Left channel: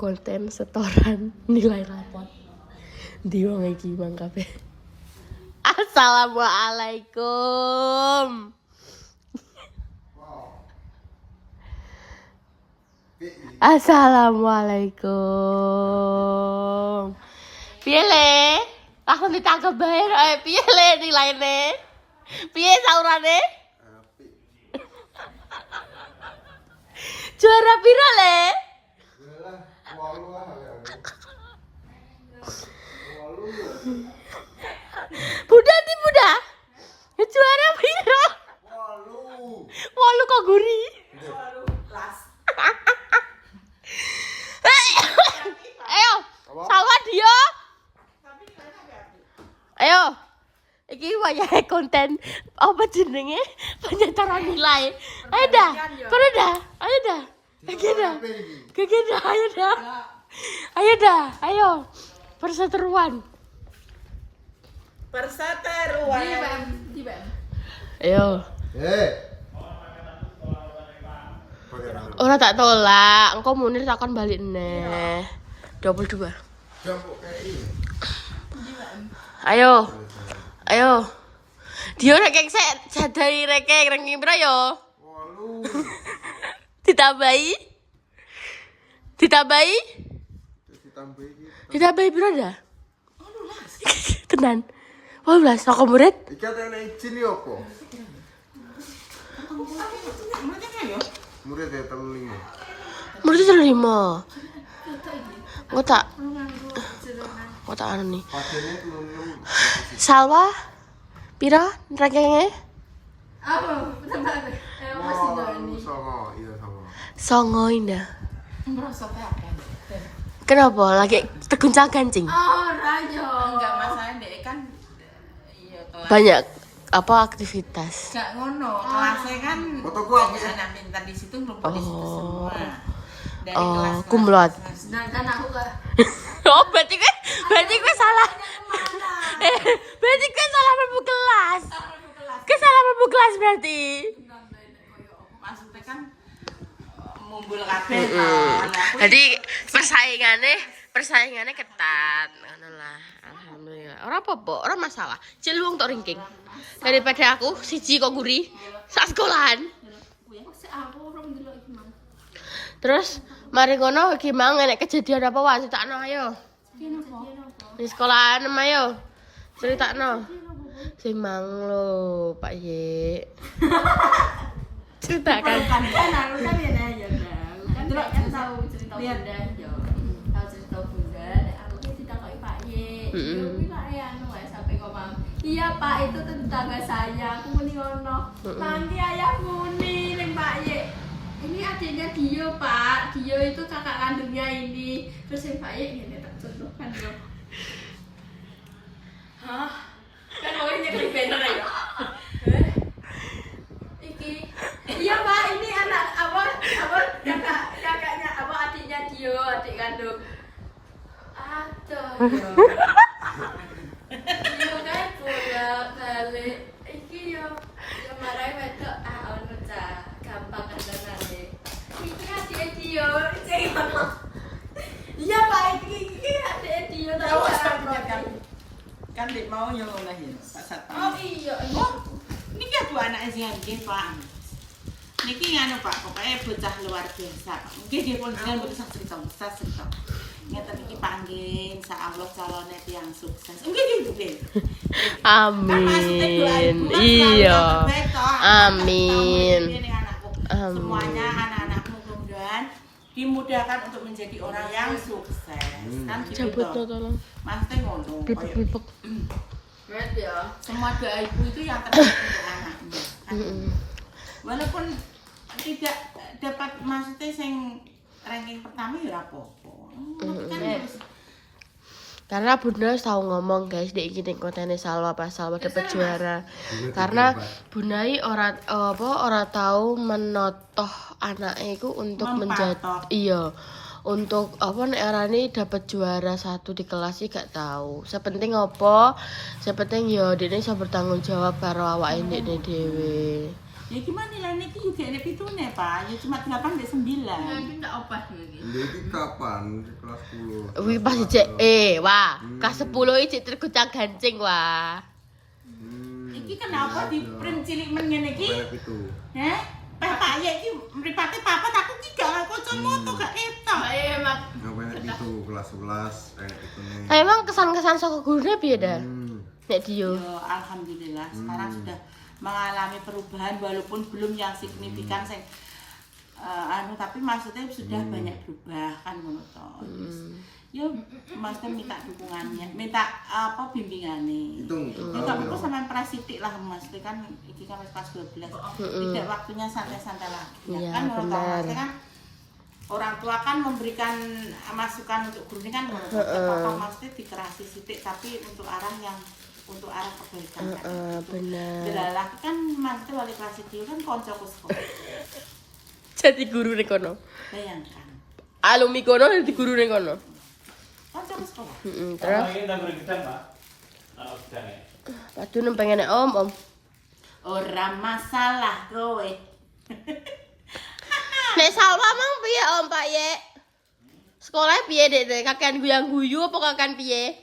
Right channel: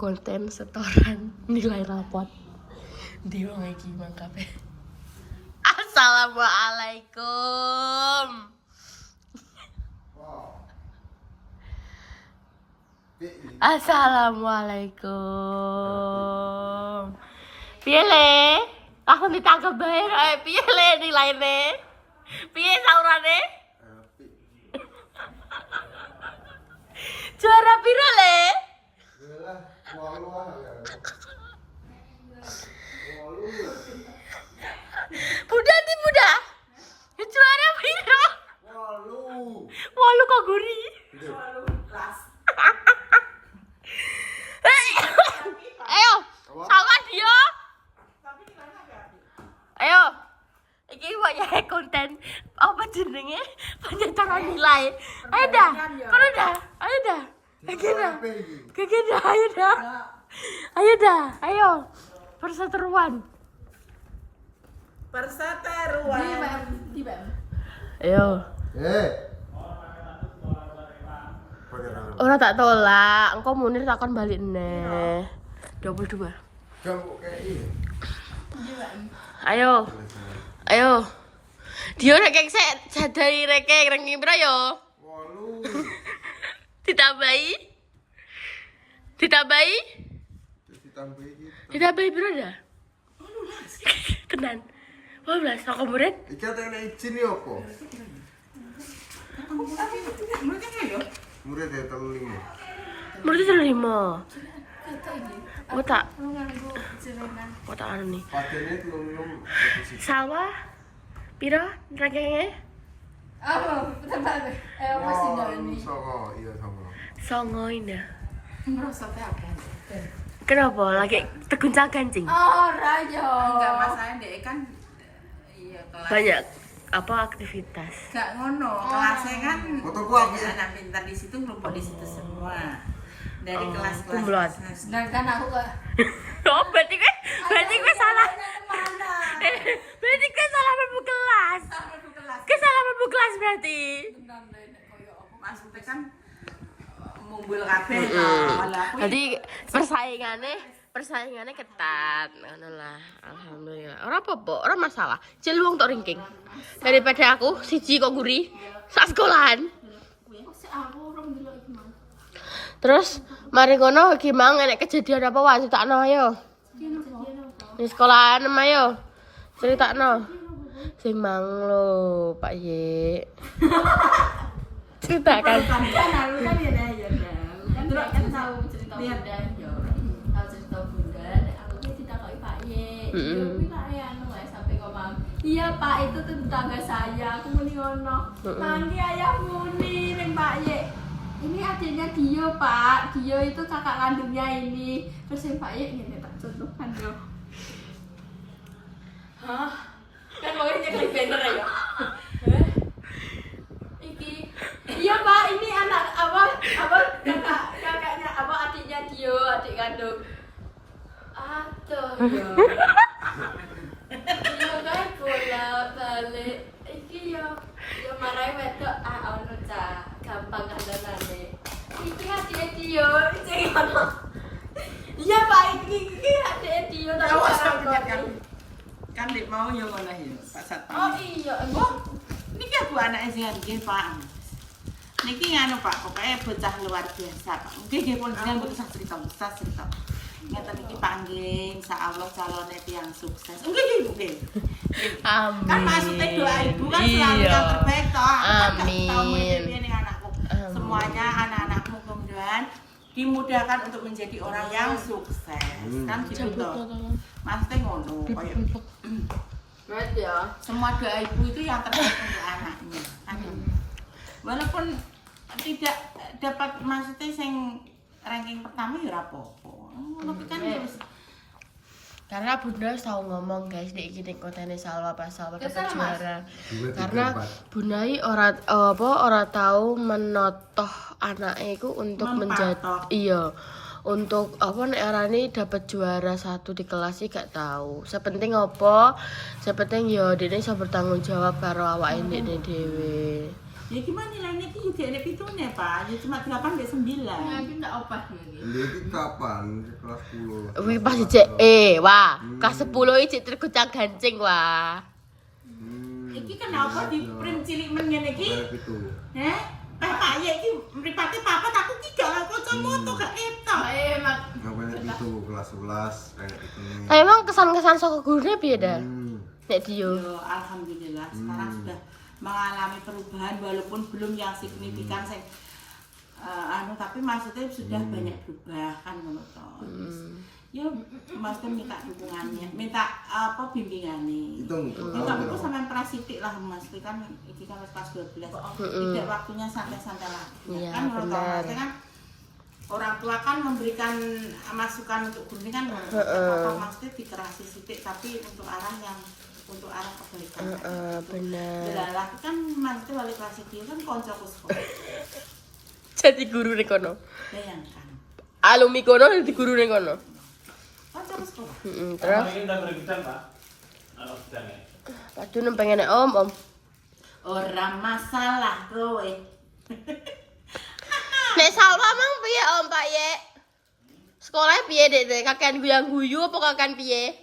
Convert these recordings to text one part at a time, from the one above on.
konten setoran nilai rapot di wong iki Bang Kafe. Assalamualaikum. Assalamualaikum. Piye le? Langsung ditangkep bae. Piye le nilaine? Piye saurane? Juara piro le? Budak di budak. Juara piro? 8 kok guri. Ayo, sama dia. Ayo. Iki wayahe konten apa jenenge? Penyetaraan nilai. Ayo dah. Kono dah. Ayo dah. Ayo dah. Ayo dah. Ayo. Perseteruan. Di BEM. Ayo. Ora tak tolak, engko Munir takon balik neh. 22. Ayo. Ayo. Dia nek kek sik jadahi reke ranking pira yo? 8. Ditambahi? Ditambahi pira dah? 18. Tenan. 18 kok murid? Iki ana izin yo apa? Murid ya teling. Murid 5. Kok tak anu nih. Padane 36. Salwa pira rankingnya? Apa? Bentar. Masih ini. Songo indah. Merasa apa? Kenapa? Lagi teguncang kancing? Raja. Enggak masalah deh kan iya kelas. Banyak apa aktivitas? Enggak ngono, kelasnya kan Fotoku banyak apa? anak pintar di situ ngumpul di situ semua. Dari Oh, kelas kumlot. Sedangkan aku gak. Oh, berarti gue salah. Berarti gue salah mlebu kelas. Gue salah mlebu kelas berarti. Maksudnya kan mumbul kabeh kan. Jadi persaingannya ketat. Ngono lah. Alhamdulillah. Ora apa-apa, ora masalah. Celuang tok ringking. Daripada aku siji kok guri sak sekolahan. Terus mari ngono iki mang nek kejadian apa wae critakno ayo. Di sekolahan ayo. Critakno. Sing mang lho, Pak Ye. Ceritakan. Kan aku kan ya kan tahu cerita bunda yo. Tahu cerita bunda, aku kan ditakoki Pak Ye. Yo kuwi Pak Ye anu wae sampai ngomong. Iya Pak, itu tetangga saya. Aku muni ngono. Nanti ayah muni ning Pak Ye. Ini adiknya Dio Pak. Dio itu kakak kandungnya ini. Terus yang Pak Ye ngene tak contohkan yo. Hah? Kan mau nyeklik banner ya? Iki. Iya Pak, ini anak apa kakaknya apa adiknya Dio, adik kandung. Aduh yo. Yo kan bolak-balik. Iki yo marahi wedok ono cah gampang kandhanane. Iki adike Dio, sing ono. Iya Pak, iki adike Dio tak kan dik mau yo ngono ya, Pak Satpam. Oh iya, Niki aku anake sing nggih Pak. Niki nganu Pak, pokoknya bocah luar biasa Pak. Nggih nggih pun jenengan mboten cerita. Nyata niki panggih insyaallah calone tiyang sukses. Nggih nggih. Amin. Kan maksudnya doa ibu kan selalu Iya. yang terbaik toh. Amin. Semuanya anak-anakmu kemudian dimudahkan untuk menjadi orang yang sukses. Kan gitu toh. Maksudnya ngono koyo Mat ya. semua doa ibu itu yang terbaik untuk anaknya. Kan? Walaupun tidak dapat maksudnya sing ranking pertama ya ora apa-apa. Tapi kan harus Karena Bunda tahu ngomong guys, dek iki ning kontene Salwa pas Salwa dapat juara. Karena Bunda iki ora tahu menotoh anake iku untuk menjadi untuk apa nek arane dapat juara 1 di kelas sih gak tahu. Sepenting apa? Sepenting ya dene iso bertanggung jawab karo awake dhewe. Ya gimana nilainya iki juga ada pitune, Pak. Ya cuma 8 sampai 9. Ya iki ndak opah iki. Jadi kapan? Di kelas 10. Wih pas CE, wah. Kelas 10 iki tergucang gancing wah. Iki kenapa di print cilik men ngene iki? Kayak gitu. Heh? Pak ya iki mripate papat aku iki gak kacamata gak ketok. Mak. Ngapain itu kelas 11 kayak gitu nih. Nah, emang kesan-kesan saka gurune piye dah? Nek Dio. Yo alhamdulillah sekarang sudah mengalami perubahan walaupun belum yang signifikan sing tapi maksudnya sudah banyak berubah kan ngono to. Yo maksudnya minta dukungannya, minta apa bimbingannya. Minta aku sama prasidik lah Mas, kan iki kan wis kelas 12. Tidak waktunya santai-santai lagi. Iya, Kan ngono to, benar. maksudnya kan orang tua kan memberikan masukan untuk guru ini kan ngono to. Apa maksudnya dikerasi sithik tapi untuk arah kebaikan. Bener. Delalah kan maksudnya wali kelas iki kan kancaku sekolah. Jadi guru ning kono. Bayangkan. Alumni kono dadi guru ning kono. Kancaku sekolah. Terus aduh pengen om. Ora masalah kowe. Nek Salma mang piye om Pak Ye? Sekolah piye Dek? Kakean guyang guyu apa kakean piye?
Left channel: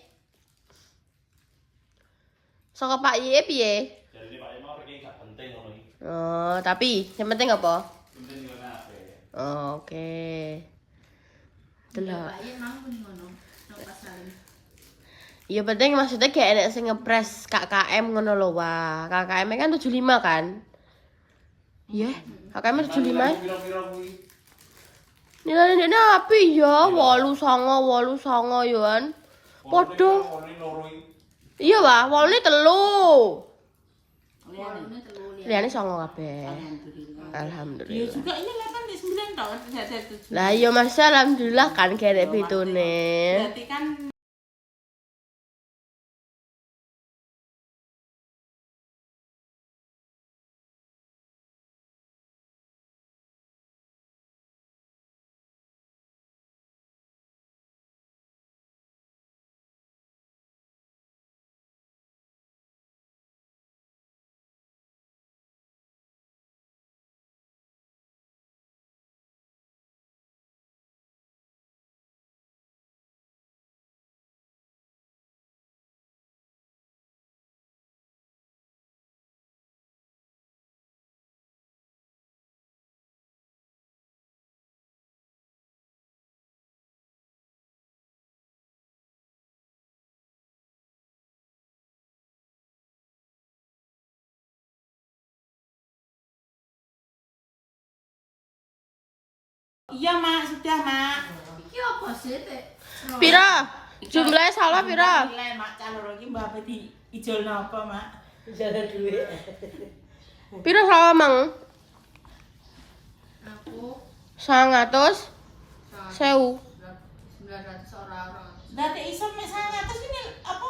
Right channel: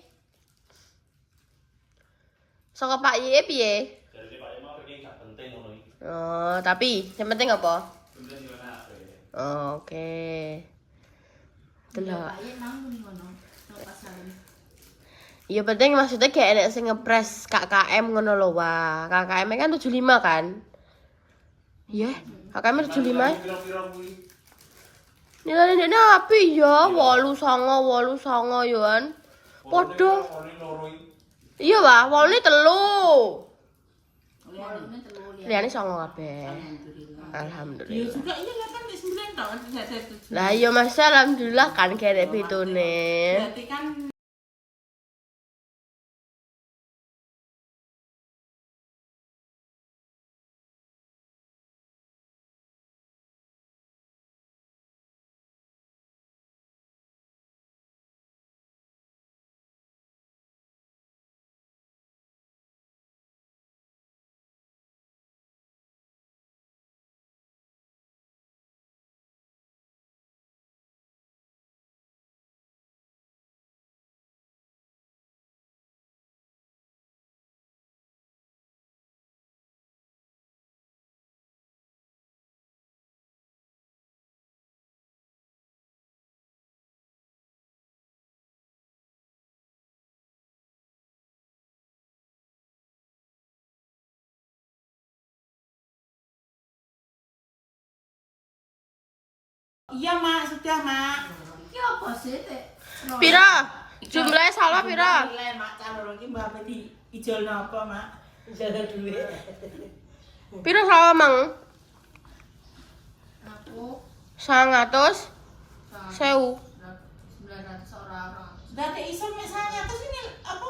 Saka Pak Ye piye? Jadi Pak Imo ini gak penting ngono iki. Oh, tapi yang penting apa? Penting yo nek. Oh, oke. Delok. Bayi mang ngono. Nang pasaran. Ya penting maksudnya kayak enek sing ngepres KKM ngono lho wah. KKM kan 75 kan? Iya, KKM 75. Piro-piro kuwi? Nilai ndekne api ya, 8,9 yo kan. Padha. Iya, Wah, wolne 3. Warungnya telu lihat. Liyane 9 kabeh. Alhamdulillah. Ya Alhamdulillah. juga iya 8 di 9 tahun tidak ada 7. Lah iya Mas, alhamdulillah kan kerek pitune. Berarti kan iya Mak, sudah Mak. Iki apa sih, Teh? Pira? Jumlahnya salah pira? Nilai Mak calon iki mbak apa di ijol napa Mak? Jaga duit. Pira salah mang? Aku 100 1000. 900 orang. Dadi iso misalnya terus ini apa?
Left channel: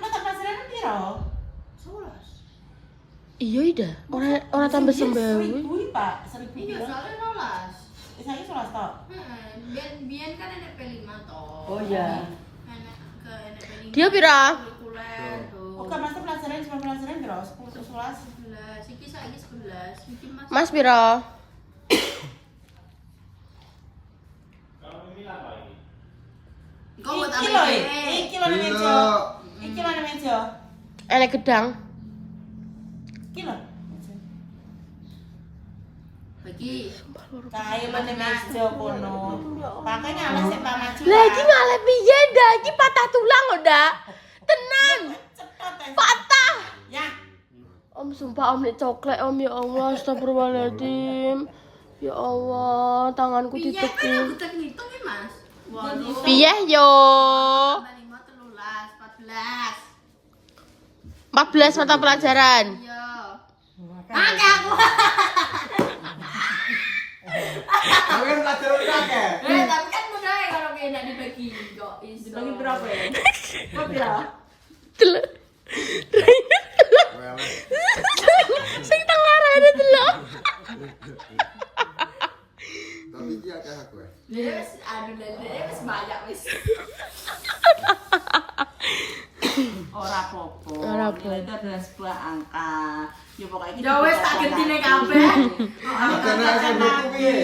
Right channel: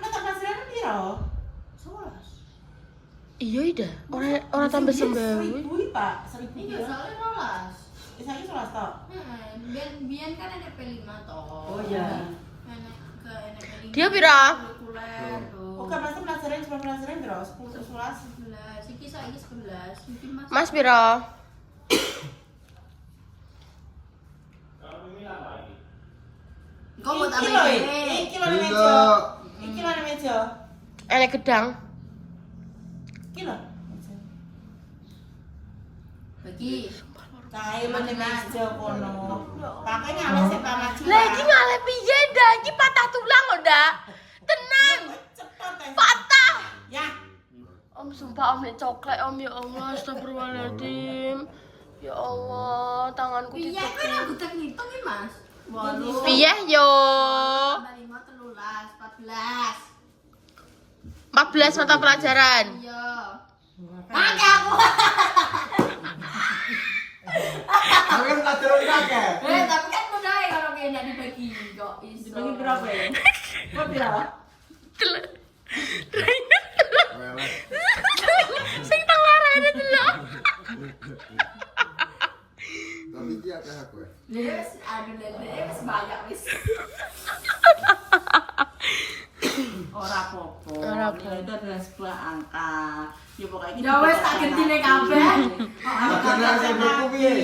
Mata pelajaran piro? 11. Iya ida. Ora tambah 9.000. 1000 Pak, 1000 Ini piro? soalnya rolas. Saiki 11 tok. Bian kan ada P5 toh. Oh iya. Enak ke enak P5. Dia pira? Kuliah tuh. Oke, masa pelajaran cuma pelajaran piro? 10 ke 11. 11. Iki saiki 11. Iki Mas pira? Kalau ini apa ini? Kau buat apa Iki lho, ini? iki lho ning meja. Iki lho ning meja. Enek gedang. Iki lho. Bagi. Nah, iya lho ning meja kono. Pakai ngales sing tak maju. Lah iki malah piye ndak? Iki patah tulang kok ndak? Tenan. Cepet ae. Patah. Ya. Om sumpah om nek coklat om ya Allah astagfirullahaladzim. Ya Allah, tanganku Iya kan ditepi. aku tak ngitung nih Mas. Waduh. Piye yo? Tambah 5 13 14. 14 mata pelajaran. Iya. Pakai aku. Tapi kan pelajaran kakek. Tapi kan mudah ya kalau kayak enggak dibagi kok. Dibagi berapa ya? Kok piro? Delok. Weles. Sing tang larane delok. Tapi iki akeh aku ya. Yes, aduh dengan sebuah angka. Ya pokoknya Ya wes tak gentine kabeh. Karena SMP ku piye?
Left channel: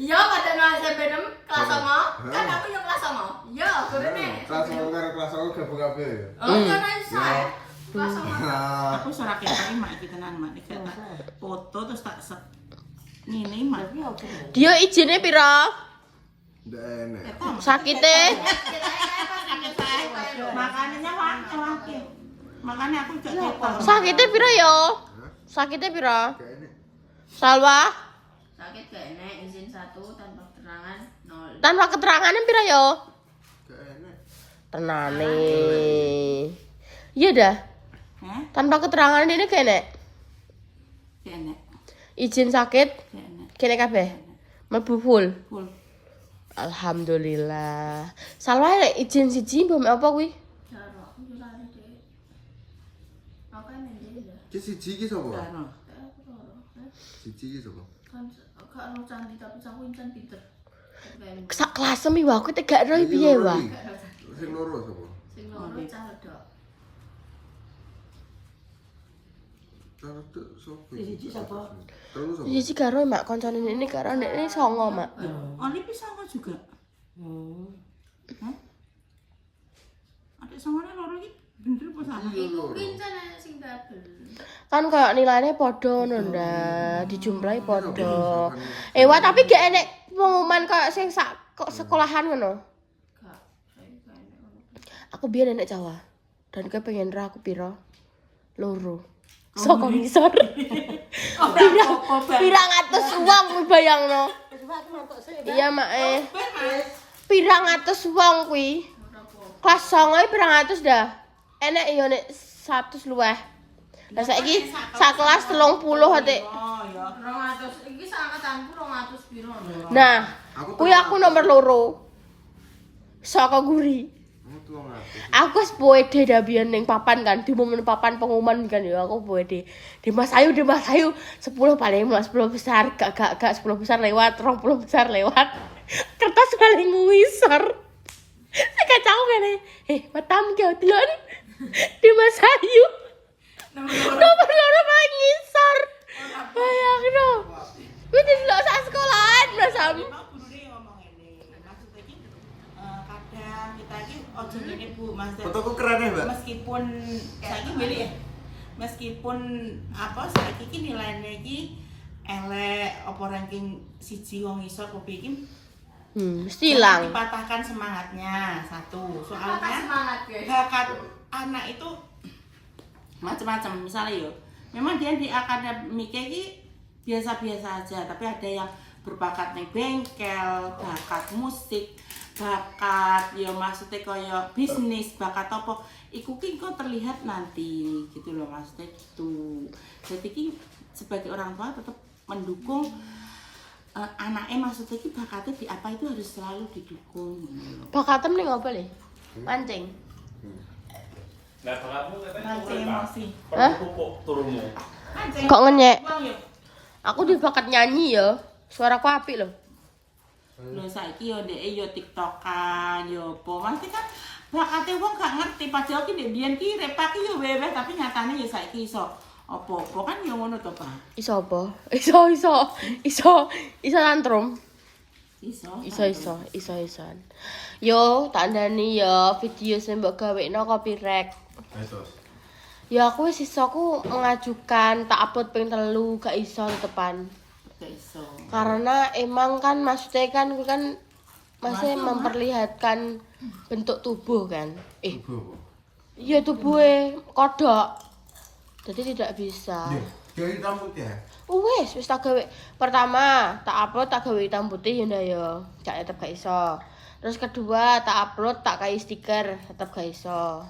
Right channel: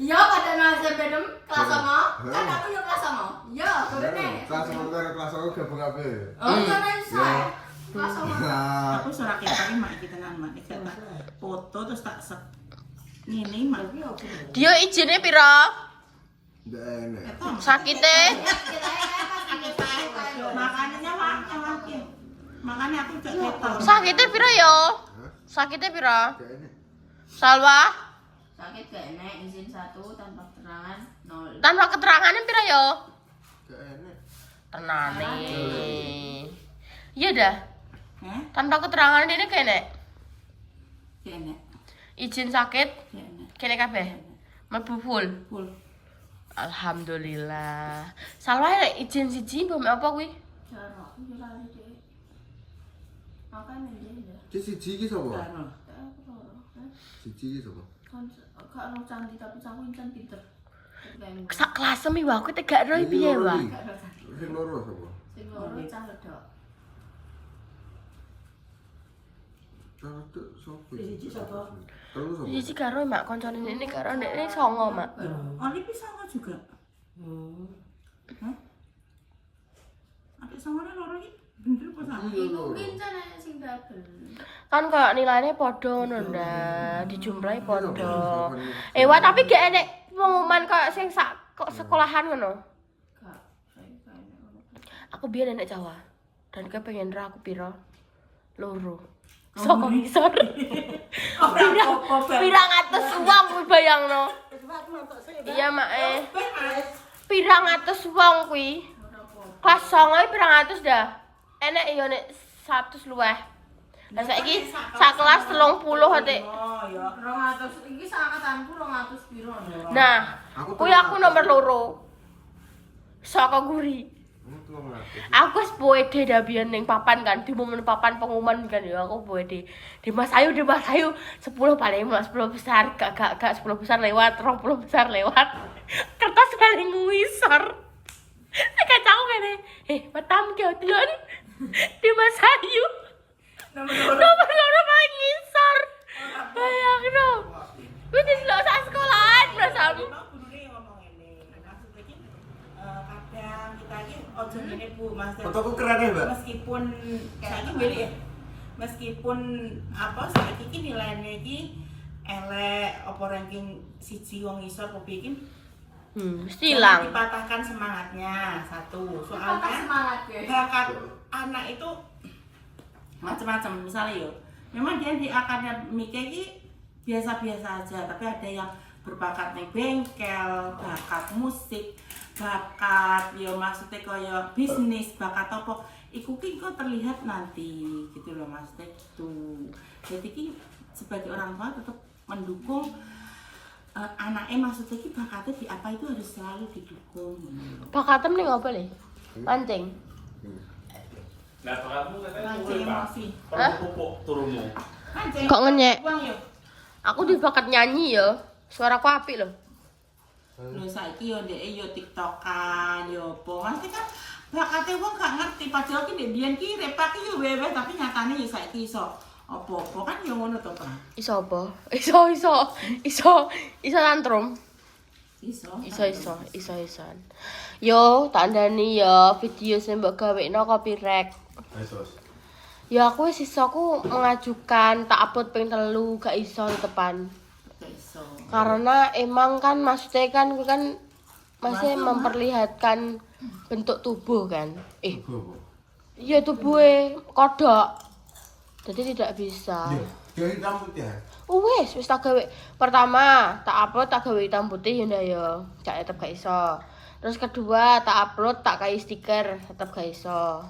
Iya pada SMP 6 kelas 9. Kan aku yo kelas 9. Iya, gorene. Kelas 1 karo kelas 2 gabung kabeh. Oh, kan iso. Ya. Kelas 9. Nah, Aku surat kita mak iki tenan mak iki tak foto terus tak ngene mak. Dia izinnya pira? ndak enak. Sakite. Makanannya wakil. Makanya aku cek ketok. Sakite pira yo? Hah? Sakite pira? Gak enak. Salwa? Sakit gak enak izin 1 tanpa keterangan 0. Tanpa keterangannya pira yo? Gak enak. Tenane. Iya dah. Hah? Tanpa keterangan ini kene. Kene. Izin sakit Kene. kene kabeh. Mlebu full. Full. Alhamdulillah. Salwa lek izin siji mbok apa kuwi? Cara aku yo lali deh. Makane dia ya. Ki siji ki sapa? Karo. Aku loro. Siji ki sapa? Kan gak ono candi tapi aku incan pinter. Tapi kayak Sak kelas mi wae aku tegak ro Iki piye loro wae. iki. gak ono candi. Sing loro sapa? Sing loro cah wedok. Cara tuh sapa? Siji sapa? Telu sapa? Iya sih karo mak koncone ini karo ndekne songo mak. Oli pisang juga. Hah? Adik samane loro iki bener apa salah? Iku pincan sing dadel. Kan kayak nilainya podo nunda dijumlahi podo. Wah tapi gak enek pengumuman kayak sing sak kok sekolahan ngono. Gak, saya gak enak ngono. Aku biar enek Jawa dan gue pengen ra aku piro loro. Soko ngisor. Pirang atus uang kuwi bayangno. Iya mak pirang atus uang kuwi. Kelas 9 pirang atus dah. Enek ya nek 100 luweh. Lah saiki sak kelas 30 ate. Oh ya. 200 iki sakangkatanku 200 piro. Nah, kuwi aku nomor loro. Saka guri. Aku wis pede dah biyen ning papan kan, di momen papan pengumuman kan ya aku pede. Di Mas Ayu 10 paling 10 besar, gak 10 besar lewat, 20 besar lewat. Kertas paling ngisor. Kacau ngene. Matam ki delok di Mas Ayu. Nomor loro paling ngisor. Bayangno. Kuwi delok sak sekolahan Mas Sam. Kadang kita iki ojo ngene Bu, Mas. Fotoku keren ya, Mbak. Meskipun saiki beli ya. Meskipun apa saiki iki nilainya iki elek apa ranking siji wong isor kopi iki Mesti jangan ilang. dipatahkan semangatnya satu. Patah Soalnya semangat ya. bakat anak itu macam-macam misalnya yo. Memang dia di akademiknya ini biasa-biasa aja, tapi ada yang berbakat nih bengkel, bakat musik, bakat ya maksudnya kayak bisnis, bakat apa iku ki kok terlihat nanti gitu loh maksudnya gitu. Jadi ki sebagai orang tua tetap mendukung anaknya maksudnya ki bakatnya di apa itu harus selalu didukung. Bakatem ning apa le? Pancing. Nah, bakatmu katanya Mancing turun, Pak. emosi. Kalau pupuk turunmu. Kok ngenyek? Uang yo. Aku di bakat nyanyi ya. Suaraku apik loh. Lho saiki yo ndek yo TikTokan yo apa. Mesti kan bakate wong gak ngerti padahal ki ndek biyen ki repak ki yo wewe tapi nyatane yo saiki iso apa-apa kan yo ngono to, Pak. Iso apa? Iso tantrum. Iso. Yo, tandani yo video sing mbok gawekno copyright. Esos. Ya aku wis iso aku mengajukan tak upload ping 3 gak iso tepan. Gak iso. Karena emang kan maksudnya kan gue kan masih memperlihatkan bentuk tubuh kan. Iku apa? Iya tubuhnya kodok. Jadi tidak bisa. Jadi rambut ya? Wis tak gawe. Pertama, tak upload tak gawe hitam putih ya ya. Cak tetep gak iso. Terus kedua, tak upload tak kai stiker, tetep gak iso.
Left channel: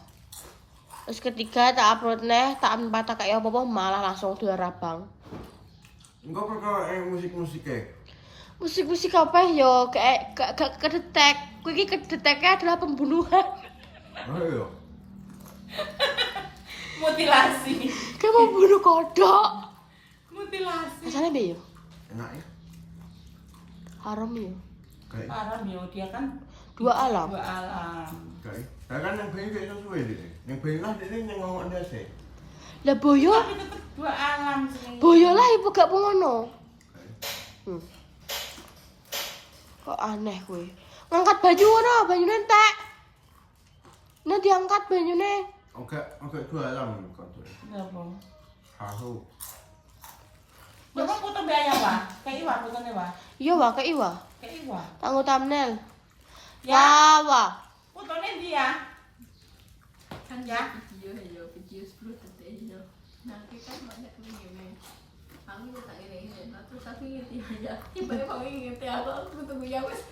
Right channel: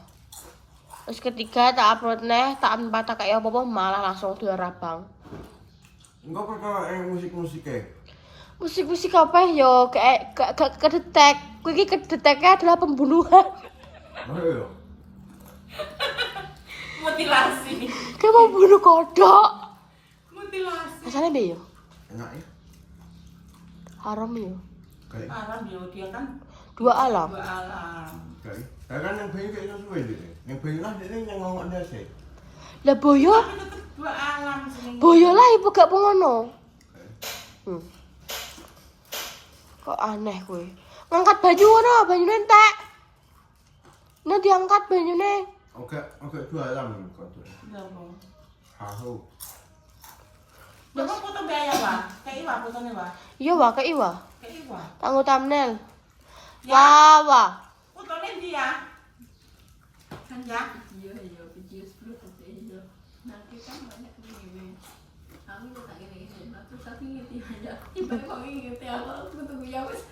Terus ketiga, tak upload neh, tak tak kayak apa-apa malah langsung diarabang. Enggak perkara musik-musik ya? Musik-musik apa yo kayak gak kedetek. Kuwi iki kedeteknya adalah pembunuhan. Oh iya. Mutilasi. Kayak mau bunuh kodok. Mutilasi. Asalnya be yo. Enak ya? Haram yo. Kayak Alam yo dia kan Dua alam. Dua alam. kayak. Kan yang bayi kayak sesuai deh. Yang bayi lah dia yang ngomong dia sih. Lah boyo, Tapi tetep dua alam sih. boyo lah ibu gak pengono. Kok aneh kowe. Ngangkat baju ngono, banyune entek. Nah diangkat banyune. Oke, dua alam kok tuh. Iya, Bang. Hahu. Coba foto biaya, Wah. Kayak Iwa fotonya, Wah. Iya wah kayak iwa. Kayak Iwa. Tanggo thumbnail. Ya. Wah. Fotonya dia. Kan ya. Video 10 detik yo. Nanti kan banyak ini. Aku tak ini. Aku tapi ngerti aja. Tiba-tiba kamu ngerti apa? Aku tunggu ya wes.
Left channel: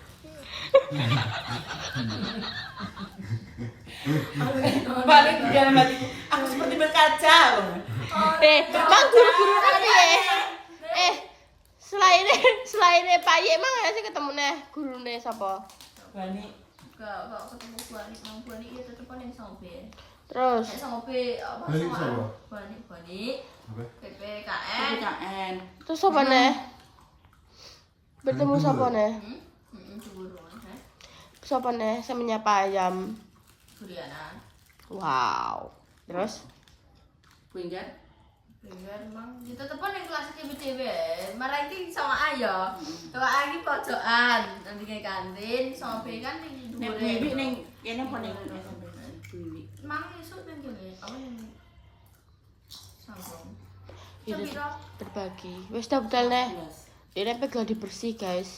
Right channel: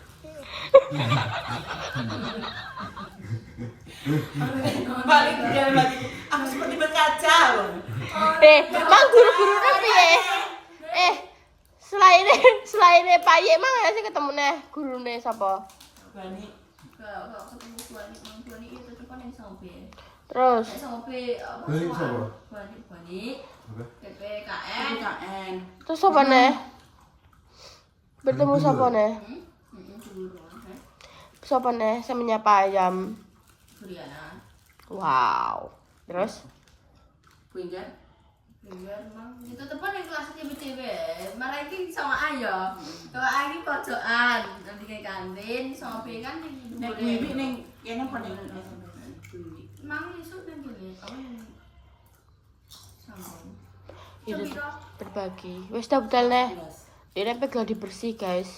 Balik jalan balik. Aku seperti berkaca. Mang guru-gurune piye? Selain Pak Ye mang ana sing ketemu neh gurune sapa? Balik. Kak ketemu buani itu tetep ning sampe. Terus Nek sampe Balik sapa? Buani. Oke. PPKN. KN. terus apa neh? Bertemu sapa neh? Sapa neh sing menyapa ayam? Juliana. Wow. Terus Pinjam. Biar mang itu tepan yang kelas BTW. Marah iki sama ayo. Kalau lagi pojokan nanti kayak kantin, sama B kan di Nek dhuwure. bibi ning kene paling Mang isu nang kene, apa yang sambung. Itu Sepiro? berbagi. Wis dah betul neh. Dene pegal dibersih, guys.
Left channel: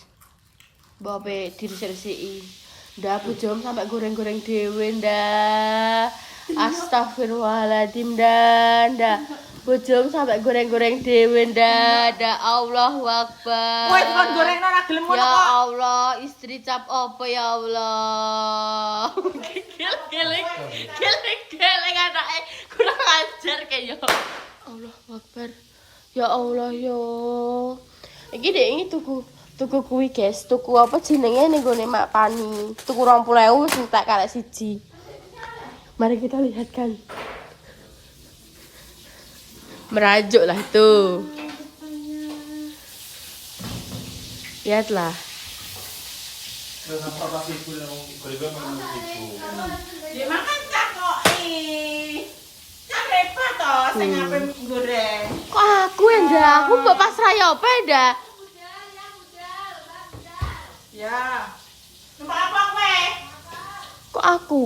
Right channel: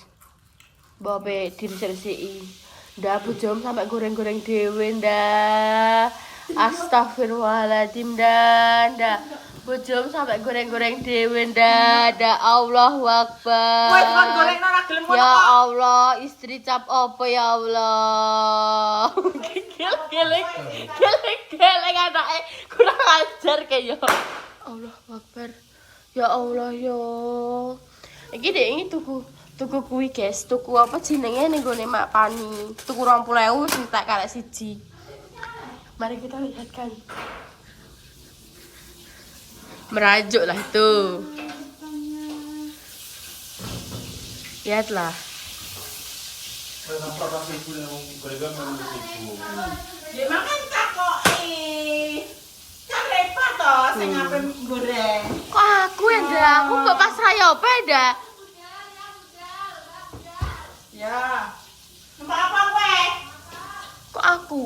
Mbok pe diresiki. Ndak bujum sampai goreng-goreng dhewe ndak. Astagfirullahaladzim ndak. Bujum sampai goreng-goreng dhewe ndak. Allahu Akbar. Kowe kon goreng ora gelem ngono. Ya Allah, istri cap apa ya Allah. Gelek anake kurang ajar kayak ya. Allah Akbar. Ya Allah ya. Iki dek ini tuku kuwi guys. Tuku apa jenenge ning gone Mak Pani. Tuku 20.000 sing tak karek siji. Mari kita lihat kan. Merajuk lah itu. Lihatlah. Kenapa kasih ibu yang berikan menurut ibu? Ya makan takoki. Kan repot toh sing ngape goreng. Kok aku yang dah? Aku mbok pasrah ya apa dah? Ya. Numpak apa kowe? Kok aku?